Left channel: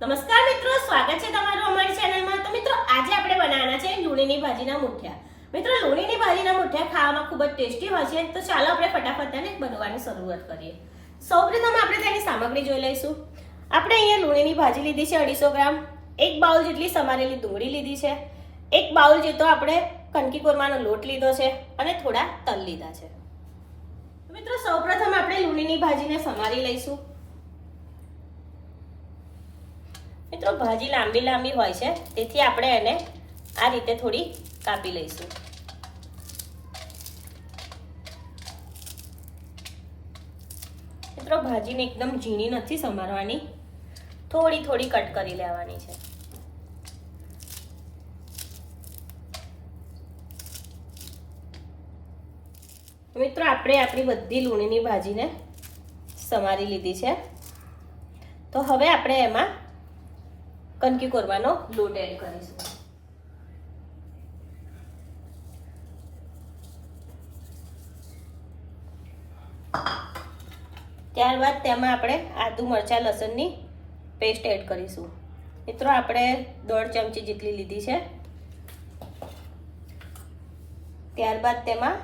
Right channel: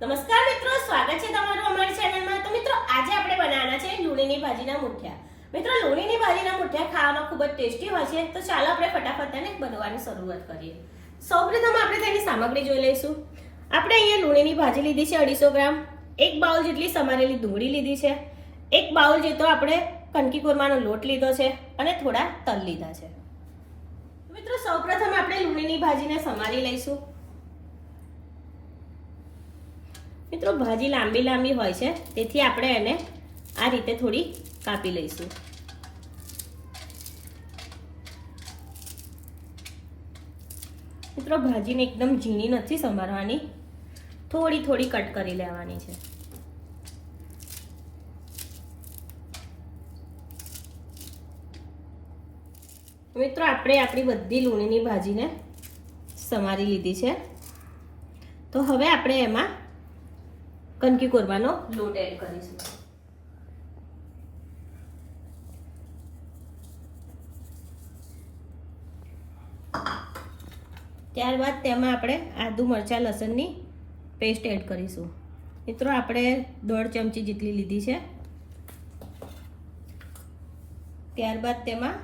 નમસ્કાર મિત્રો, સ્વાગત છે તમારું અમારી ચેનલમાં। તો મિત્રો આજે આપણે બનાવવાના છે લૂણીની ભાજીના મુઠિયા। મિત્રો લૂણીની ભાજીના મુઠિયા ખાવામાં ખૂબ જ ટેસ્ટી હોય છે। તો ચાલો આપણે ફટાફટ તેને બનાવવાની શરૂઆત કરીએ। સૌપ્રથમ આપણે તેની સામગ્રી જોઈ લઈશું। આપણે અહીંયા લૂણીની ભાજી લીધી છે 250 ગ્રામ, એક બાઉલ જેટલી સમારેલી ડુંગળી લીધી છે, એક બાઉલ જેટલો આપણે કણકી કોરમાનો લોટ લીધો છે અને થોડા તલ લીધા છે। મિત્રો સૌપ્રથમ આપણે લૂણીની ભાજીને સમારી લઈશું। મિત્રો ભાજી લાંબી લાંબી હોય છે તેથી આપણે એને આ રીતે થોડી કાપી લઈશું। મિત્રો ભાજીને એકદમ ઝીણી નથી સમારવાની, થોડી થોડી કટ કરી લેવાની છે। મિત્રો આપણે આપણી બધી લૂણીની ભાજીને સમારી લીધી છે। તો હવે આપણે એમાં કણકી કોરમાનો લોટ એડ કરીશું। ત્યારબાદ તેમાં આપણે આદુ મરચાં લસણની પેસ્ટ એડ કરીશું। મિત્રો આપણે 1.5 ચમચી જેટલી લીધી છે। ત્યારબાદ તેમાં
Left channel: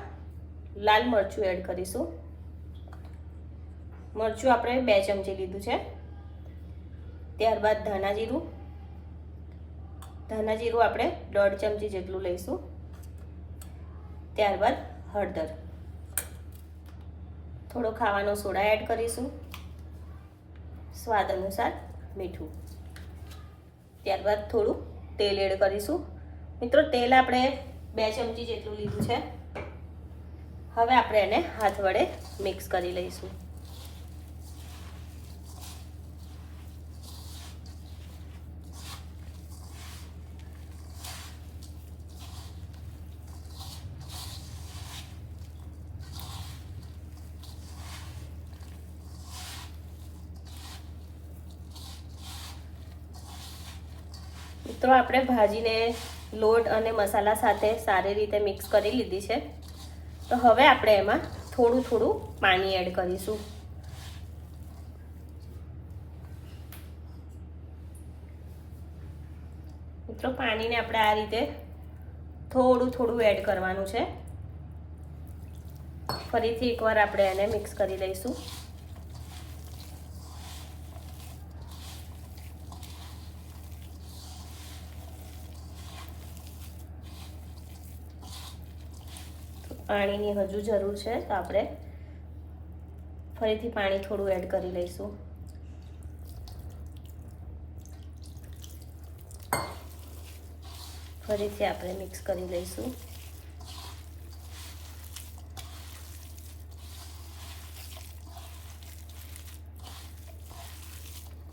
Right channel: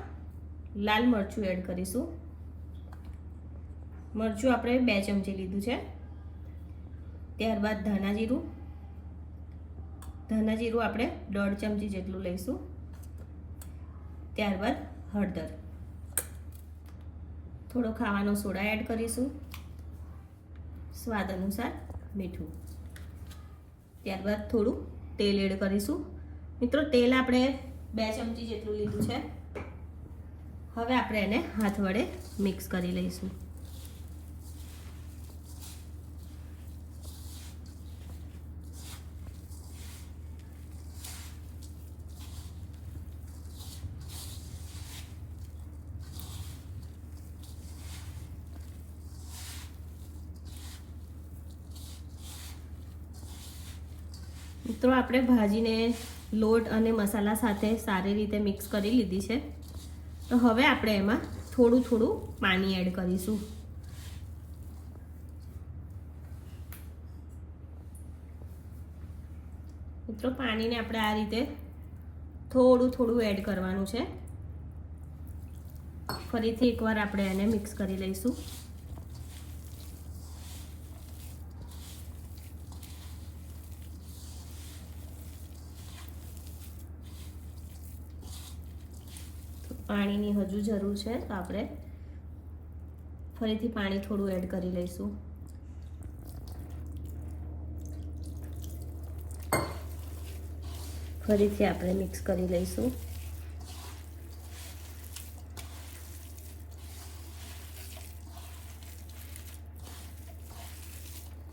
લાલ મરચું એડ કરીશું। મરચું આપણે 2 ચમચી લીધું છે। ત્યારબાદ ધાણા જીરું આપણે 1.5 ચમચી જેટલું લઈશું। ત્યારબાદ હળદર, થોડો ખાવાનો સોડા એડ કરીશું, સ્વાદ અનુસાર મીઠું, ત્યારબાદ થોડું તેલ એડ કરીશું। મિત્રો તેલ આપણે 2 ચમચી જેટલું લીધું છે। હવે આપણે એને હાથ વડે મિક્સ કરી લઈશું। મિત્રો આપણે ભાજીને લોટ અને મસાલા સાથે સારી રીતે મિક્સ કરી લીધી છે। તો હવે આપણે એમાં થોડું થોડું પાણી એડ કરીશું। મિત્રો પાણીને આપણે આ રીતે થોડું થોડું એડ કરવાનું છે। ફરીથી એકવાર આપણે એને મિક્સ કરી દઈશું। પાણીની હજુ જરૂર છે તો આપણે ફરીથી પાણી થોડું એડ કરી લઈશું। ફરીથી આપણે મિક્સ કરી લઈશું।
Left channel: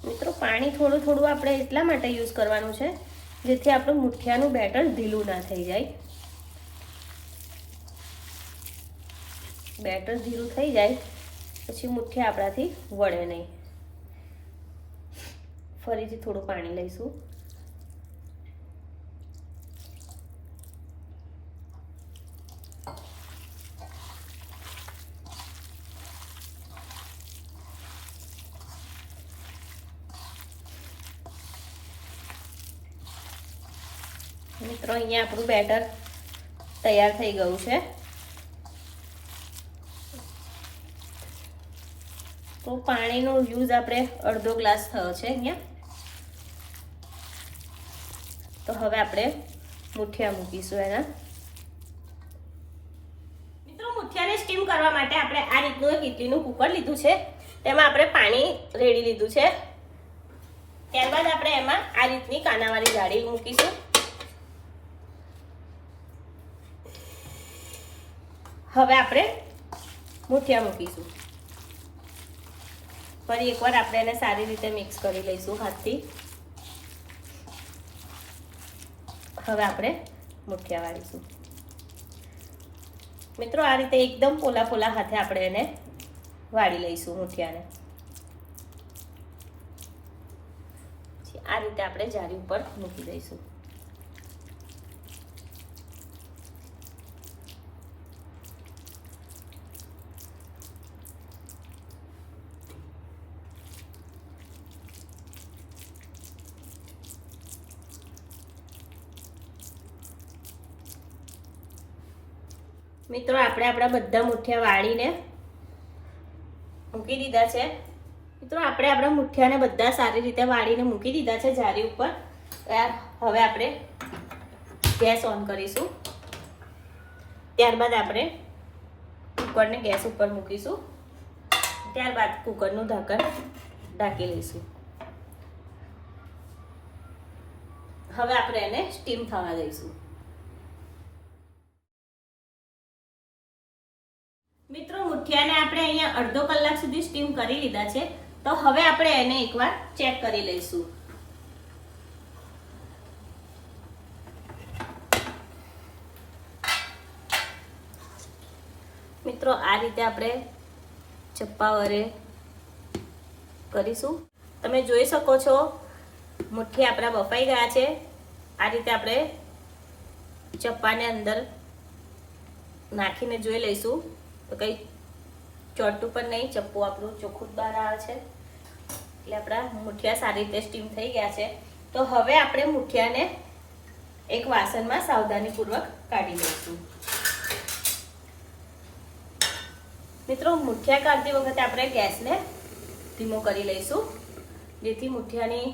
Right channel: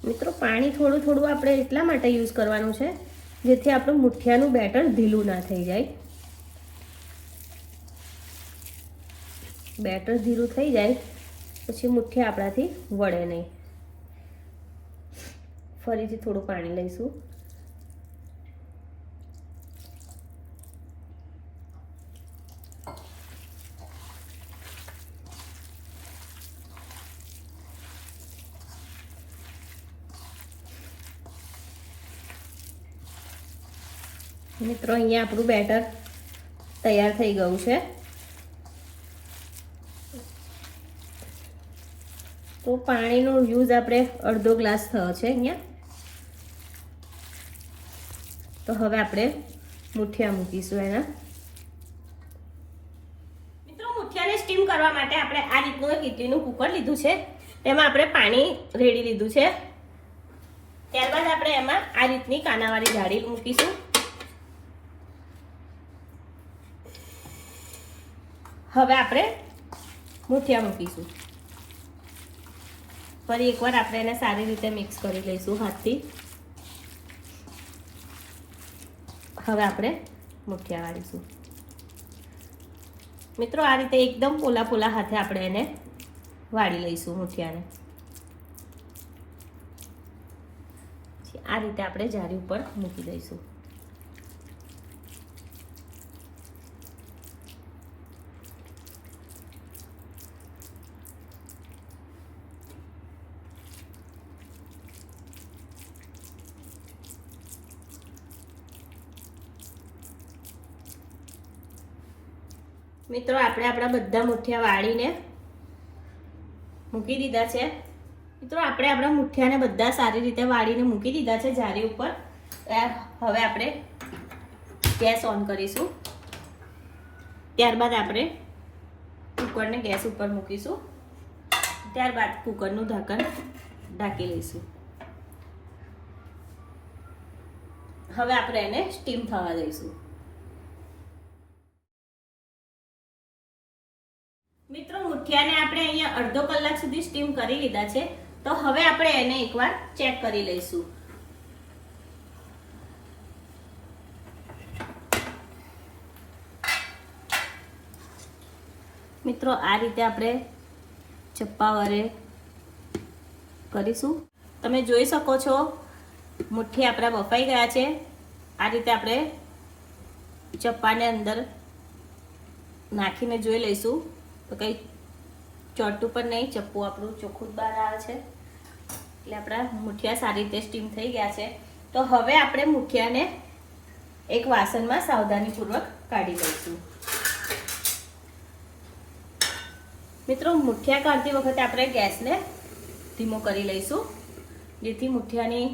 મિત્રો પાણી થોડું થોડું આપણે એટલા માટે યુઝ કરવાનું છે જેથી આપણું મુઠિયાનું બેટર ઢીલું ના થઈ જાય। બેટર ઢીલું થઈ જાય પછી મુઠિયા આપણાથી વળે નહીં। ફરીથી થોડું પાણી લઈશું। મિત્રો અહીંયા આપણું બેટર તૈયાર થઈ ગયું છે। તો પાણીનો યુઝ આપણે અડધો ગ્લાસ થયો છે અહીંયા। તો હવે આપણે મુઠિયા મૂકીશું એના। મિત્રો મુઠિયાને સ્ટીમ કરવા માટે આપણે આ રીતનું એક ઇડલીનું કુકર લીધું છે, તેમાં આપણે પાણી રેડી લીધું છે। ત્યારબાદ આપણે એમાં આ રીતની કાનાવાળી જાળી મૂકીશું। હવે આપણે મુઠિયા મૂકીશું। ફરી એકવાર આપણે એને સારી રીતે મિક્સ કરી લઈશું હાથથી। હવે આપણે મુઠિયા વાળીશું। મિત્રો આ રીતે એકદમ પોલા પોલા હાથે આપણે એને વાળી લઈશું મુઠિયાને। આ રીતે આપણે જાળી ઉપર મૂકી દઈશું। મિત્રો આપણે આપણા બધા મુઠિયા વાળીને મૂકી દીધા છે. મિત્રો આપણે આપણા મુઠિયાને બધા સારી રીતે વાળીને મૂકી દીધા છે જારી ઉપર. હવે આપણે ગેસ ઓન કરીશું. ત્યારબાદ આપણે કુકરને ગેસ ઉપર મૂકીશું. ત્યારબાદ કુકરનું ઢાંકણ ઢાંકી લઈશું. હવે આપણે એને સ્ટીમ થવા દઈશું. મિત્રો મુઠિયાને આપણે અહીંયા અડધો કલાક સુધી સ્ટીમ કરી લીધા છે. તો હવે આપણે એને એકવાર ચેક કરી લઈશું. મિત્રો આ રીતે આપણે ચપ્પા વડે કરીશું. તમે જોઈ શકો છો મુઠ્ઠી આપણા બફાઈ ગયા છે. આ રીતે આપણે ચપ્પાને અંદર નાખીને જોઈ લઈશું તો કંઈ ચોટું પણ નહીં. ચપ્પુ આપણું ચોખ્ખું બહાર આવે છે. એટલે આપણા મુઠિયા સારી રીતે સ્ટીમ થઈ ગયા છે. તો હવે આપણે મુઠિયાને એક વાસણમાં સાવધાનીપૂર્વક કાઢી લઈશું. મિત્રો મુઠિયા કાઢતી વખતે આપણે ગેસને ધીમો કરી લઈશું, જેથી મુઠિયાની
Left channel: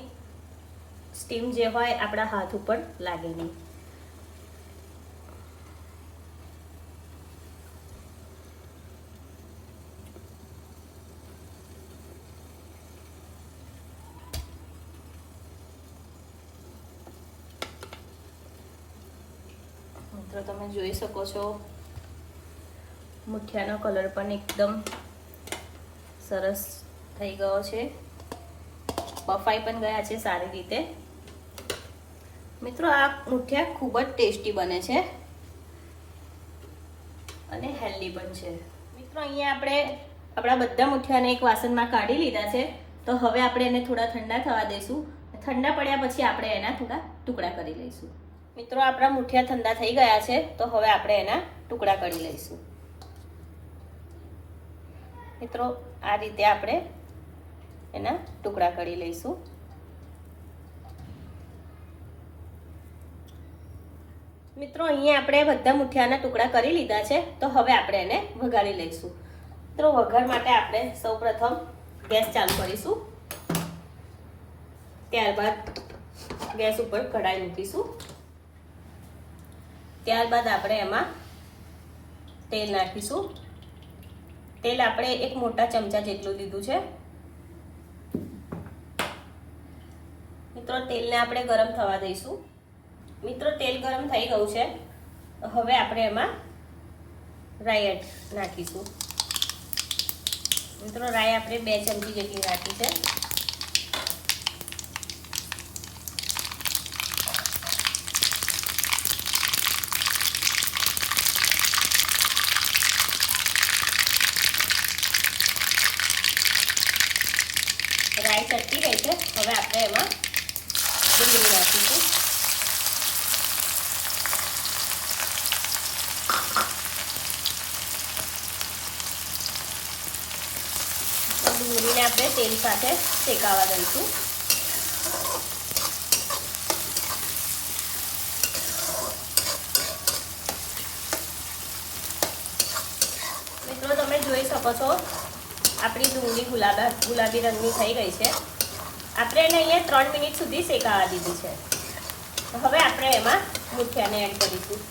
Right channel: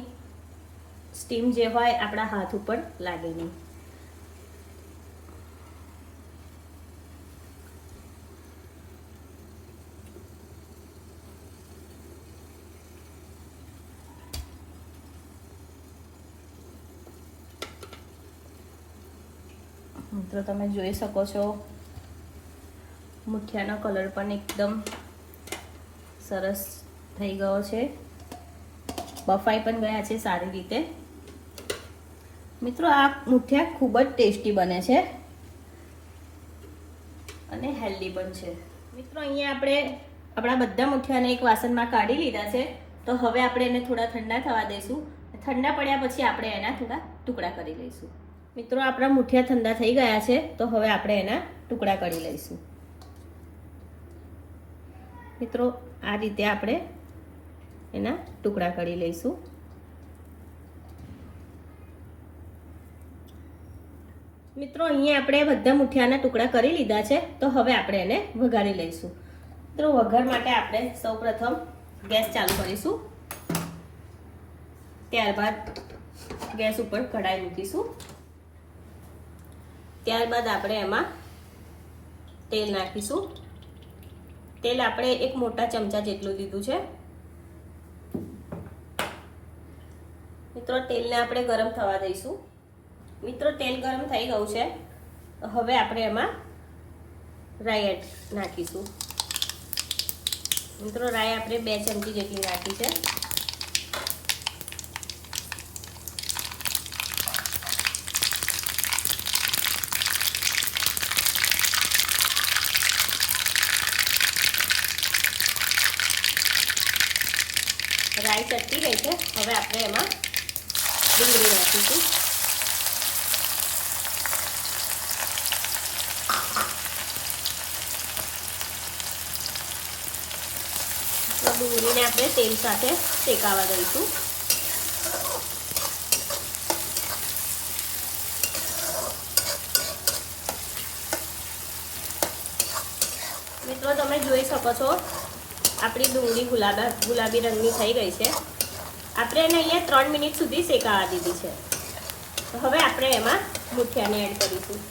સ્ટીમ જે હોય આપણા હાથ ઉપર લાગે નહીં. મિત્રો તમે જોઈ શકો છો મુઠિયાનો કલર પણ એકદમ સરસ થઈ ગયો છે. બફાઈ પણ ગયા છે સારી રીતે. મિત્રો આ મુઠિયા ખૂબ જ ટેસ્ટી બને છે અને હેલ્ધી પણ છે. મિત્રો અહીંયા આપણે આપણા બધા મુઠિયાને એક વાસણમાં કાઢી લીધા છે. તો હવે આપણે એને થોડા ઠંડા થવા દઈશું. ઠંડા પડ્યા પછી આપણે એના થોડા ટુકડા કરી લઈશું. મિત્રો આપણા મુઠિયા ઠંડા થઈ ગયા છે. તો હવે આપણે એના ટુકડા કરી લઈશું. મિત્રો આ રીતે આપણે એના ટુકડા કરી લઈશું. મિત્રો અહીંયા આપણે બધા મુઠિયાના ટુકડા કરી લીધા છે. તો હવે આપણે એને વઘારી લઈશું. મિત્રો વઘાર માટે આપણે સૌપ્રથમ ગેસ ચાલુ કરીશું. ત્યારબાદ ગેસ ઉપર કઢાઈ મૂકીશું. ત્યારબાદ આપણે એમાં તેલ નાખીશું. તેલ આપણે એક મોટા ચમચા જેટલું લીધું છે. મિત્રો તેલને આપણે ગરમ થવા દઈશું. મિત્રો તેલ ગરમ થઈ ગયું છે. હવે આપણે એમાં રાઈ એડ નાખીશું. મિત્રો રાઈ આપણે 2 ચમચી જેટલી નાખી છે. રાઈ ચટકી ગઈ છે. હવે આપણે એમાં ડુંગળી નાખીશું. ડુંગળીને આપણે તેલ સાથે શેકાવા દઈશું. મિત્રો તમે જોઈ શકો છો આપણી ડુંગળી ગુલાબી રંગની થઈ ગઈ છે. આપણે એને અહીંયા 3 મિનિટ સુધી શેકાવા દીધી છે. હવે આપણે એમાં મુઠિયાને એડ કરીશું.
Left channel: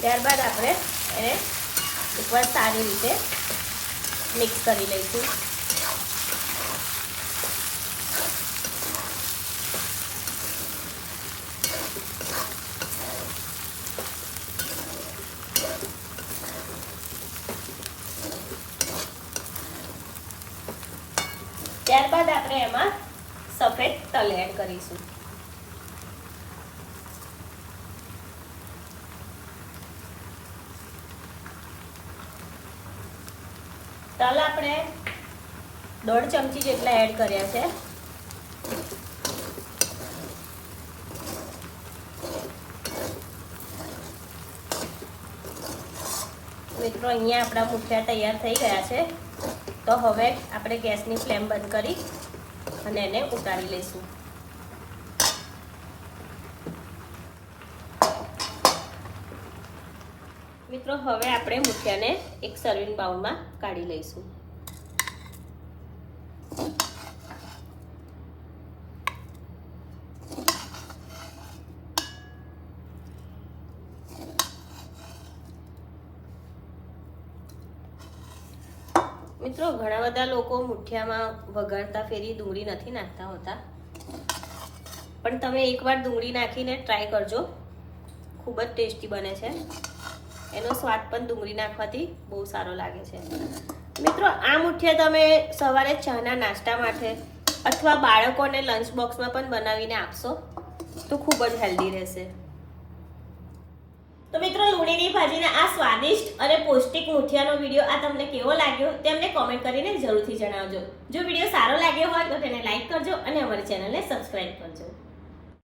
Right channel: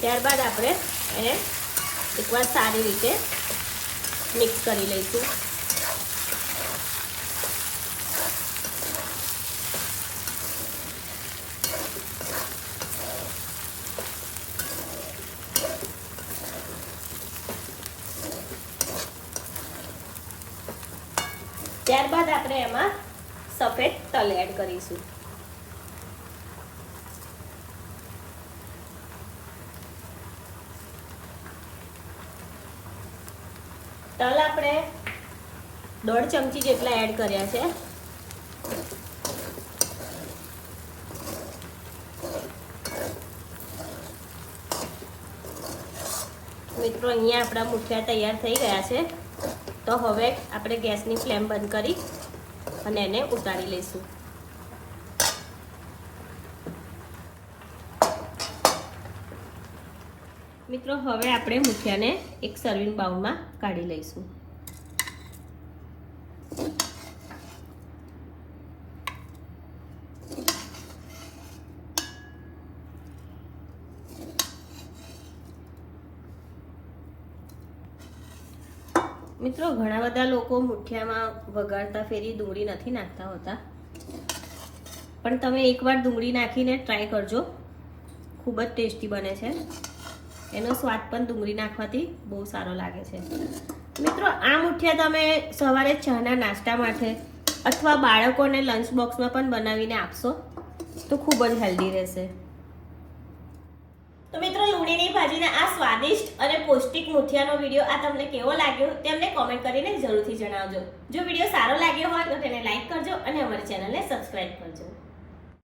ત્યારબાદ આપણે એને એકવાર સારી રીતે મિક્સ કરી લઈશું. ત્યારબાદ આપણે એમાં સફેદ તલ એડ કરીશું. તલ આપણે 1.5 ચમચી જેટલા એડ કર્યા છે. મિત્રો અહીંયા આપણા મુઠિયા તૈયાર થઈ ગયા છે. તો હવે આપણે ગેસની ફ્લેમ બંધ કરી અને એને ઉતારી લઈશું. મિત્રો હવે આપણે મુઠિયાને એક સર્વિંગ બાઉલમાં કાઢી લઈશું. મિત્રો ઘણા બધા લોકો મુઠિયામાં વઘારતા ફેરી ડુંગળી નથી નાખતા હોતા, પણ તમે એકવાર ડુંગળી નાખીને ટ્રાય કરજો, ખૂબ જ ટેસ્ટી બને છે. એનો સ્વાદ પણ ડુંગળી નાખવાથી બહુ સારો લાગે છે. મિત્રો આ મુઠિયા તમે સવારે ચાના નાસ્તા માટે અથવા બાળકોને લંચ બોક્સમાં પણ બનાવીને આપશો તો ખૂબ જ હેલ્ધી રહેશે. તો મિત્રો લૂણીની ભાજીના આ સ્વાદિષ્ટ અને પૌષ્ટિક મુઠિયાનો વિડીયો આ તમને કેવો લાગ્યો તે અમને કોમેન્ટ કરીને જરૂરથી જણાવજો. જો વિડીયો સારો લાગ્યો હોય તો તેને લાઈક કરજો અને અમારી ચેનલને સબસ્ક્રાઇબ કરજો.